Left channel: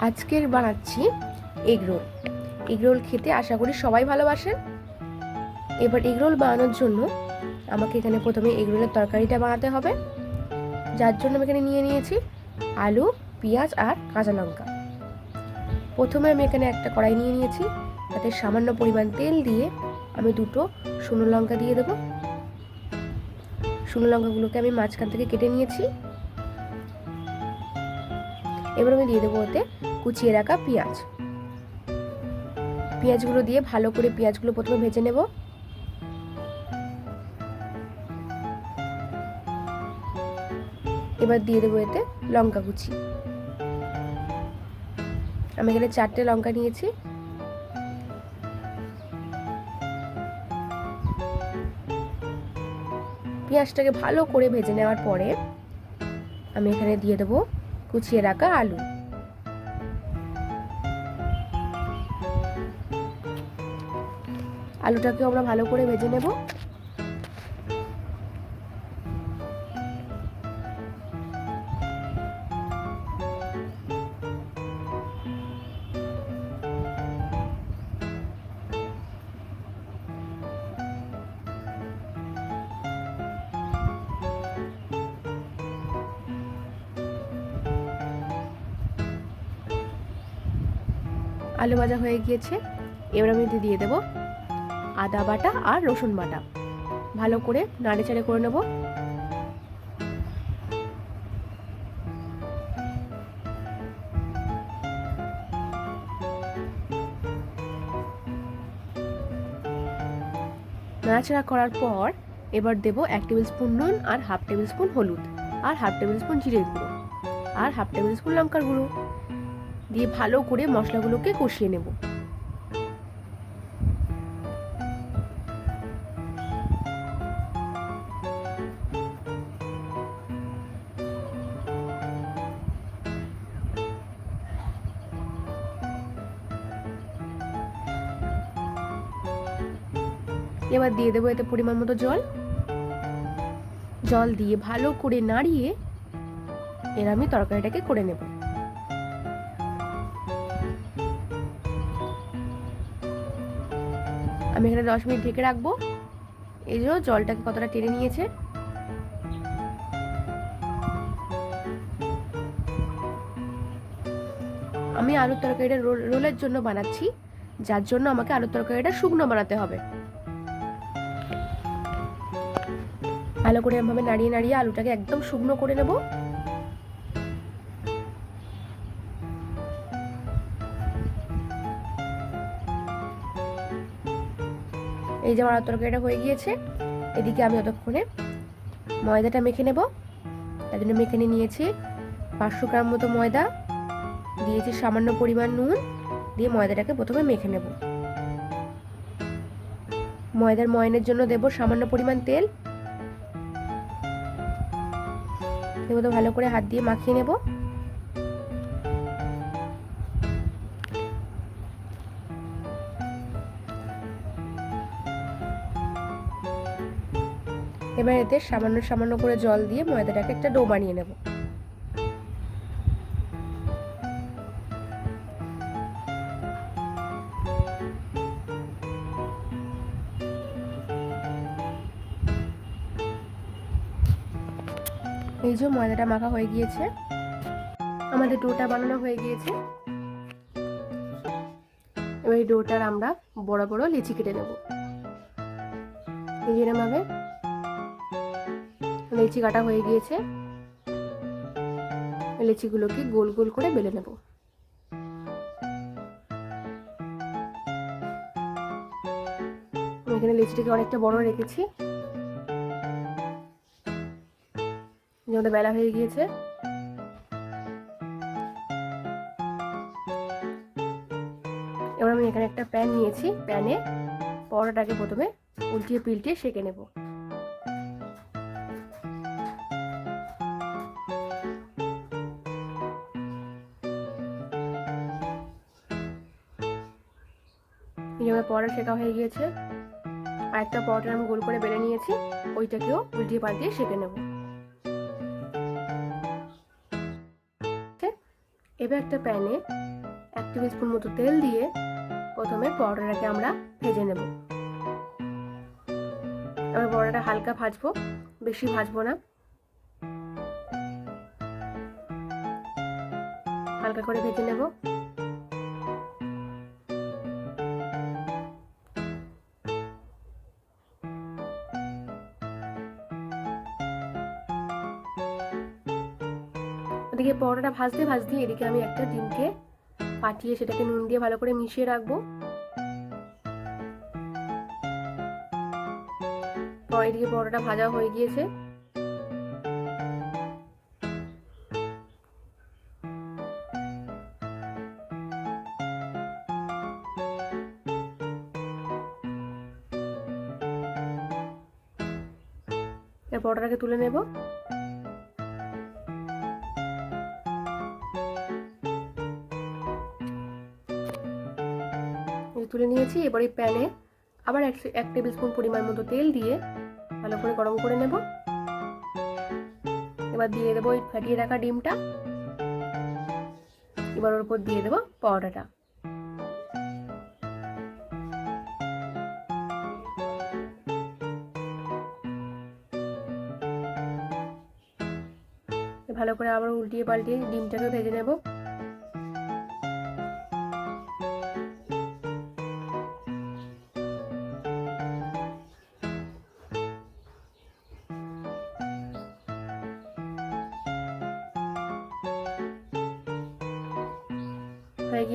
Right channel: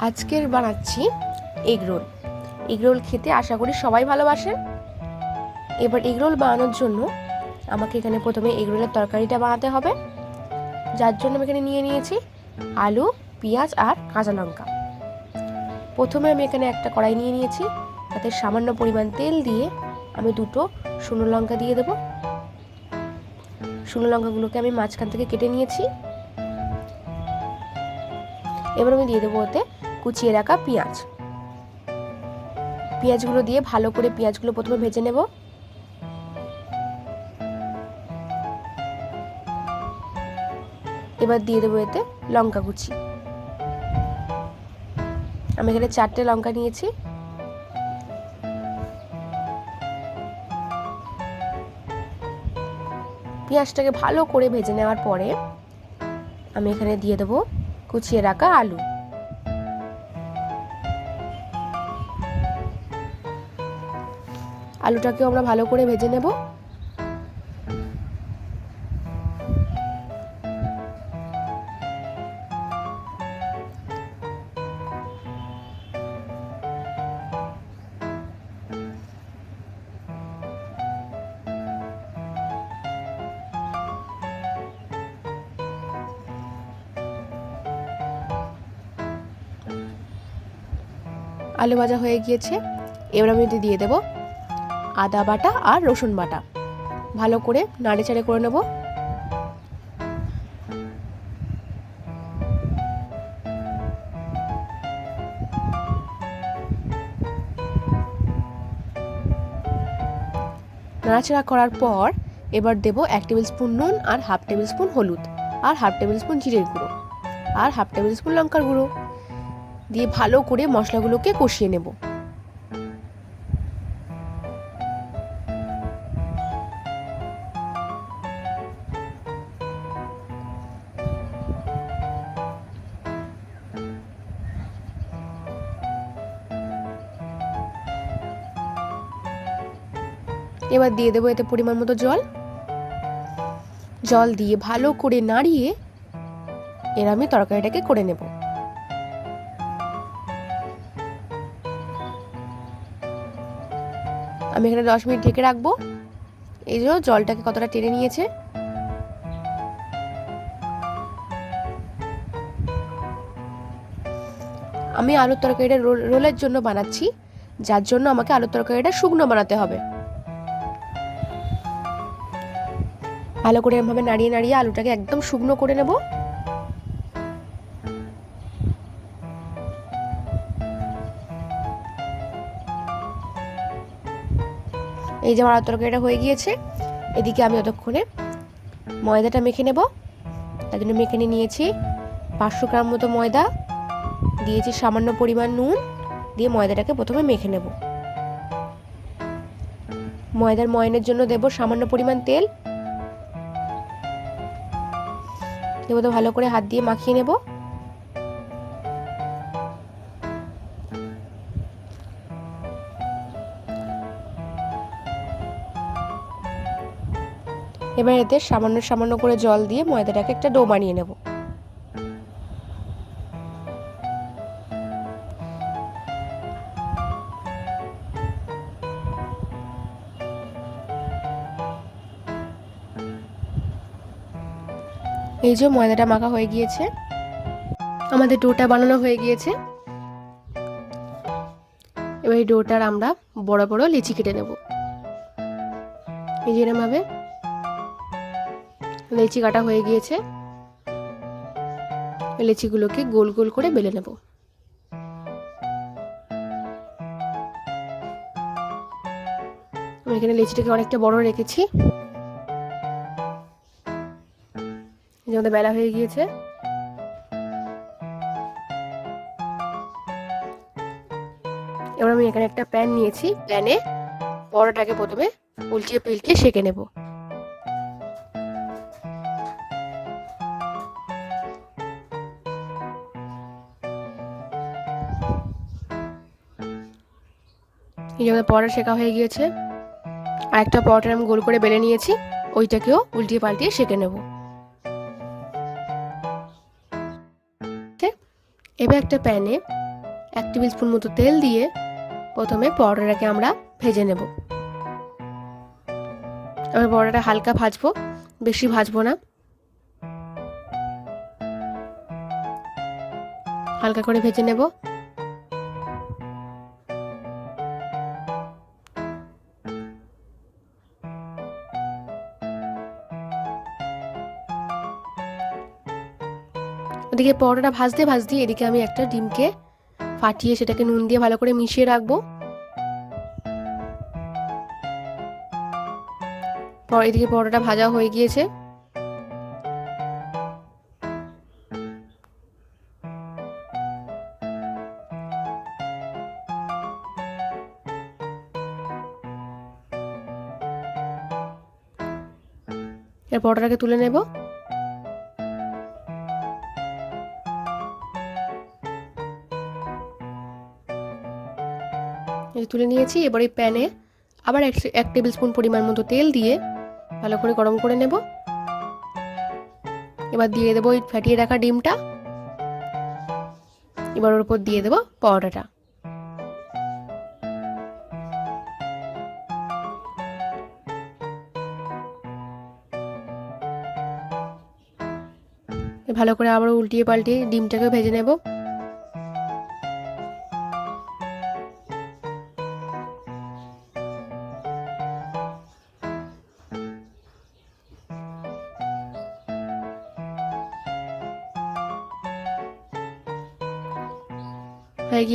আজকের বানাচ্ছি egg roll. Egg roll খেতে আশা করি সবাই ভালোবাসেন। এবার এগ রোল বানানোর জন্য আমাকে এখানে প্রথমে এগ রোলের তরকারিটা বানাতে হবে। যার জন্য আমি এখানে নিয়ে নিয়েছি আলু, পেঁয়াজ আর কাঁচা লঙ্কা। প্রথমে আমি এখানে একটা কড়াই নিয়ে নিয়েছি। তাতে সামান্য পরিমাণ তেল দিয়ে আমি দুটো শুকনো লঙ্কা দিয়ে দেবো। শুকনো লঙ্কাগুলোকে আমি মাঝখান থেকে কেটে নিয়েছি। এবার আমি দিয়ে দেবো ওতে কুচিয়ে রাখা পেঁয়াজ। পেঁয়াজগুলো দিয়ে ভালো করে পেঁয়াজগুলো প্রথমে ভেজে নেব। এবার দিয়ে দেবো এতে লঙ্কা কুচি। আমি এখানে চারটে লঙ্কা নিয়েছি। পেঁয়াজটাকে ভালো করে ভেজে নেওয়ার পরে আমি এখানে দিয়ে দেবো কুচিয়ে রাখা আলু। আলুটাকেও আমরা ভালো করে ভেজে নেব। আলু ভাজা হয়ে গিয়েছে। এবার আমি দিয়ে দেবো আদা বাটা আর রসুন বাটা। ভালো করে নাড়ে চাড়ে করে নেব। নাড়াচাড়া করার পর এবার দেব এক টেবিল স্পুন নুন আর হাফ টেবিল স্পুন হলুদ আর হাফ টেবিল স্পুন জিরের গুঁড়ো আর হাফ টেবিল স্পুন লঙ্কার গুঁড়ো। দিয়ে ভালো করে মশলাগুলোকে কষিয়ে নেব। এবার দিয়ে দেবো এতে পরিমাণ মতো জল। জল দিয়ে ভালো করে নাড়িয়ে এর আমি তরকারিটাকে করে নেব। আমি এখানে দশ মিনিট ঢেকে রাখব। এই জন্য জলটাকে কতটা টেনে নিয়েছে। আমি আলুর তরকারিটা রোল- রোলের জন্য বানাচ্ছি। যার জন্য আমাকে আলুর তরকারিটা শুকনো বানাতে হবে। ভালো করে এভাবে নাড়িয়ে নাড়িয়ে আলুটাকে একদম শুকনো করে নেব। এই যে আমার তরকারিটা হয়ে গিয়েছে, এদিকে আমি ততক্ষণে ময়দাটা মেখে নেব। তার জন্য মেখে নিয়েছি পাঁচশো গ্রাম মতো ময়দা, দিয়েছি সামান্য পরিমাণ নুন, দিয়ে ময়দাটাকে প্রথমে মেখে নেব। ময়দার ময়নের জন্য দেব সামান্য পরিমাণ তেল। দেবো তো ভালো করে হাত দিয়ে মাখিয়ে নেব। এবার এতে সামান্য সামান্য করে জল দিয়ে ময়দাটাকে একটা ডো বানিয়ে নেব। এই যে ময়দাটা মাখা হয়ে গিয়েছে, আমাদের ডোটা বানানো হয়ে গিয়েছে। এবার এই ডোটার আমরা বড় বড় লিচি কেটে নেব। এই যে ভাবে লিচি কাটা হয়ে গিয়েছে। লেচিগুলোকে গোল গোল করে বেলে নেব। আমি এখানে লেচিটাকে অনেকটা বড় রেখেছি। আমাদের বেলা হয়ে গিয়েছে। এবার আমি এখানে একটা প্যান নিয়েছি। প্যানে পরোটাকে প্রথমে উল্টিয়ে পিল্টিয়ে সেঁকে নেব। পরোটা শেখা হয়ে গিয়েছে। আর একটা পরোটা আমি গোল করে বেলে নিয়েছি, ওইটাকেও উল্টিয়ে পাল্টিয়ে সেঁকে নেব। এবার একটা প্যানে এক টেবিল স্পুন মতো তেল দিয়ে প্রথমে পরোটাটাকে আমরা ভেজে নেব। আমি পরোটাটা হালকা ভাজবো, বেশি ভাজবো না। হালকা করে ভেজে নেব। ওদিকে পরোটাটা ভাজতে ভাজতে এদিকে আমি একটা ডিমকে ফাটিয়ে সেটাকে নুন দিয়ে ভালো করে মিশিয়ে রাখব। এদিকে পরোটা ভাজা হয়ে গিয়েছে। এর পরোটাটাকে তুলে নেব। তুলে নিয়েছি, এবার এই প্যানে আবার এক এক টেবিল স্পুন পরিমাণ মতো তেল দিয়ে ভালো করে গরম করে নেব। এবার দিয়ে দেবো ওই ফাটিয়ে রাখা ডিমটা। এবার ওর উপর দিয়ে দেবো পরোটাটা ভালো করে আবার উল্টিয়ে পাল্টিয়ে ডিমটাকে ভেজে নেব।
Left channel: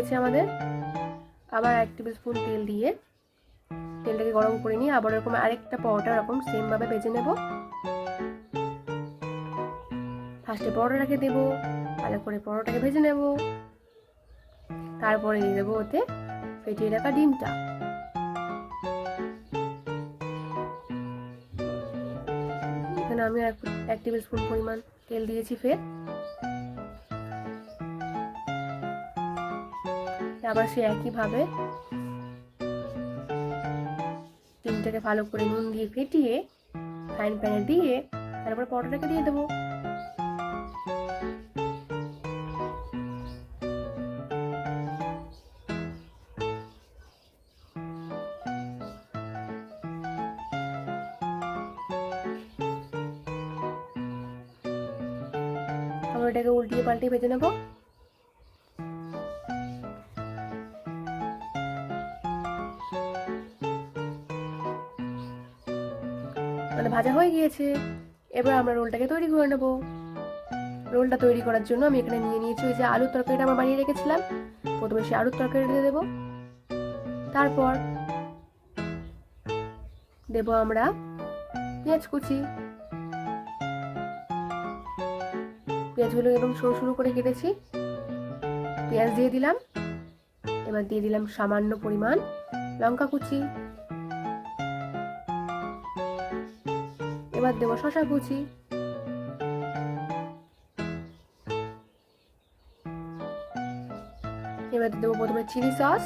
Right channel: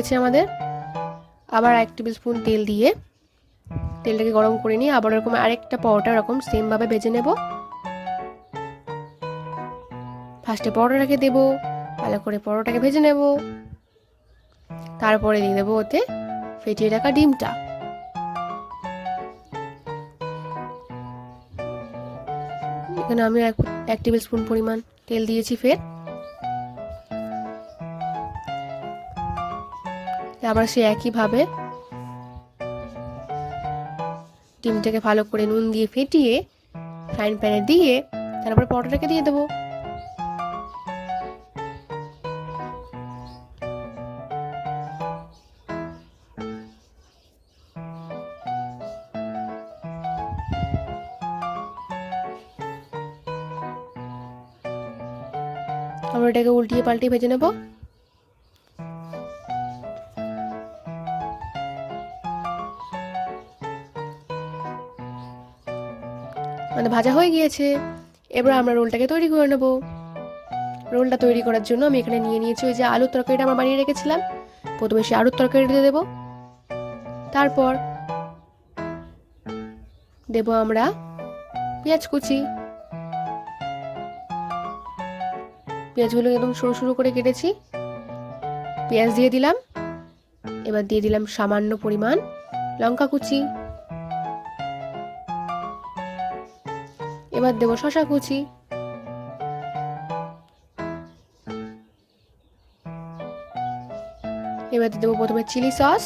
গিয়েছে আমাদের। আবার এক টেবিল স্পুন তেল দিয়ে তেলটাকে গরম করে নিয়ে আবার এরকম আরেকটা পরোটা এরকম সেমভাবে ভেজে নেব। ফার্স্টে পরোটাটাকে দেব, ভালো করে পরোটাকে ভেজে নেব। তারপরে দিয়ে দেবো ওতে ফেটিয়ে রাখা ডিমটা। এখানে আমি এক টেবিল স্পুন পরিমাণ তেল দিয়েছি ফের। আবার সে একইভাবে ডিমটাকে ভালো করে নুন দিয়ে ফেটিয়ে ফ্রাইং প্যানে দিয়ে তারপরে পরোটাটাকে দিয়ে দেবো। আমরা এটাকে উল্টিয়ে পাল্টিয়ে ভেজে নেব। আমাদের ভাজা হয়ে গিয়েছে। এবার আমরা রোলটাকে তৈরি করে নেব। রোলটা তৈরি করার জন্য আমি এখানে নিয়ে নিয়েছি ওই যে আলুর তরকারিটা আমরা বানিয়ে রেখেছিলাম। প্রথমে সে আলুর তরকারি দিয়ে দেবো। তারপর দেব আমরা পেঁয়াজ কুচি। পেঁয়াজগুলো একদম সরু সরু করে কেটেছি। পেঁয়াজ দিয়ে দিলাম। এবার দিয়ে দিলাম সামান্য পরিমাণ লঙ্কা কুচি। এবার দেবো শশা কুচি। এবার দেবো প্রথমে চিলি সস।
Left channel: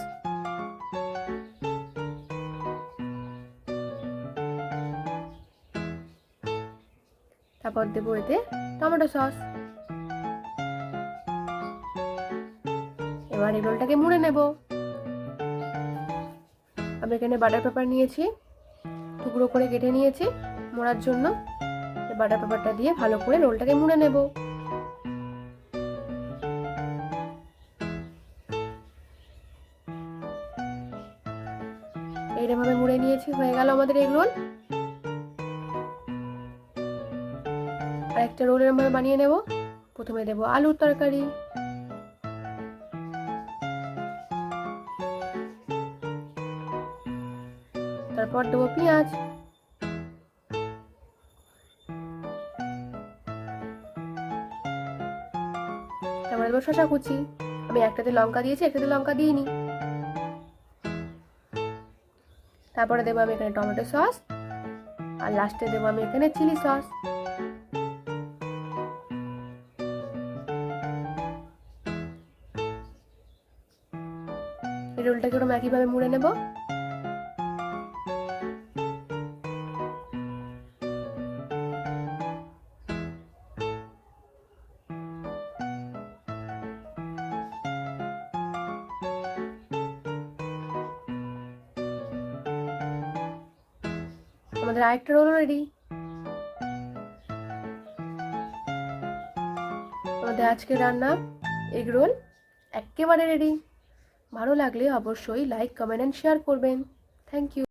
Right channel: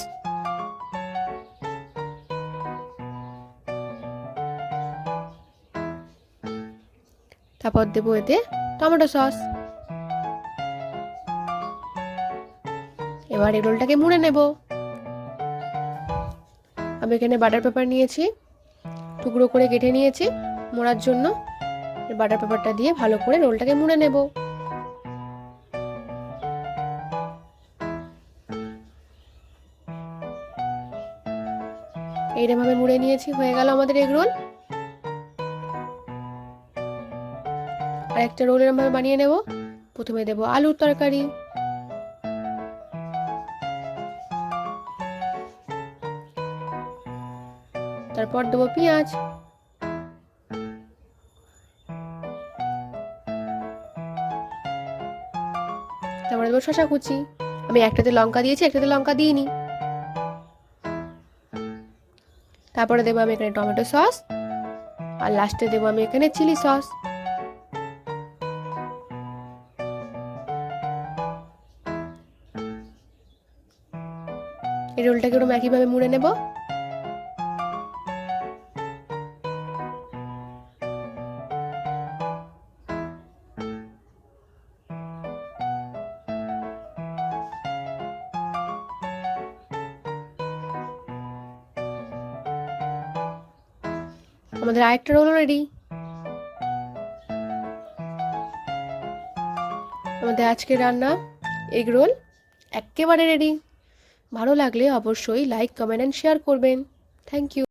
তারপর দেবো এতে টমেটো সস। এবার এই রোলটাকে মুড়ে নেব। আমি এখানে বাটার পেপার নিয়েছি, টুকরো করে কেটে নিয়েছি। মোড়ার জন্য বাটার পেপারটা দিয়ে ভালো করে রোলটাকে মুড়ে নেব। এইরকমভাবে মুড়ে নিয়েছি, হয়ে গেল আমাদের এগ রোল। আর একটা রোল এরকমভাবে বানিয়ে নেব। প্রথমে দেব আলুর তরকারি। তারপর দেবো পেঁয়াজ। দেবো শশা কুচি। আমি একটাতে লঙ্কা দিয়েছি, একটাতে লঙ্কা দিইনি। তারপরে দেবো আমি এখানে টমেটো সস, আর লাস্টে দেবো আমি এখানে চিলি সস। এই রোলটাকে ওরকম একইভাবে মুড়ে নেব। আমাদের আরেকটা রোল রেডি আমাদের আজকের রান্না এগ রোল একেবারে রেডি ভালো লাগলে অবশ্যই লাইক কমেন্ট অ্যান্ড শেয়ার করবেন। Thank you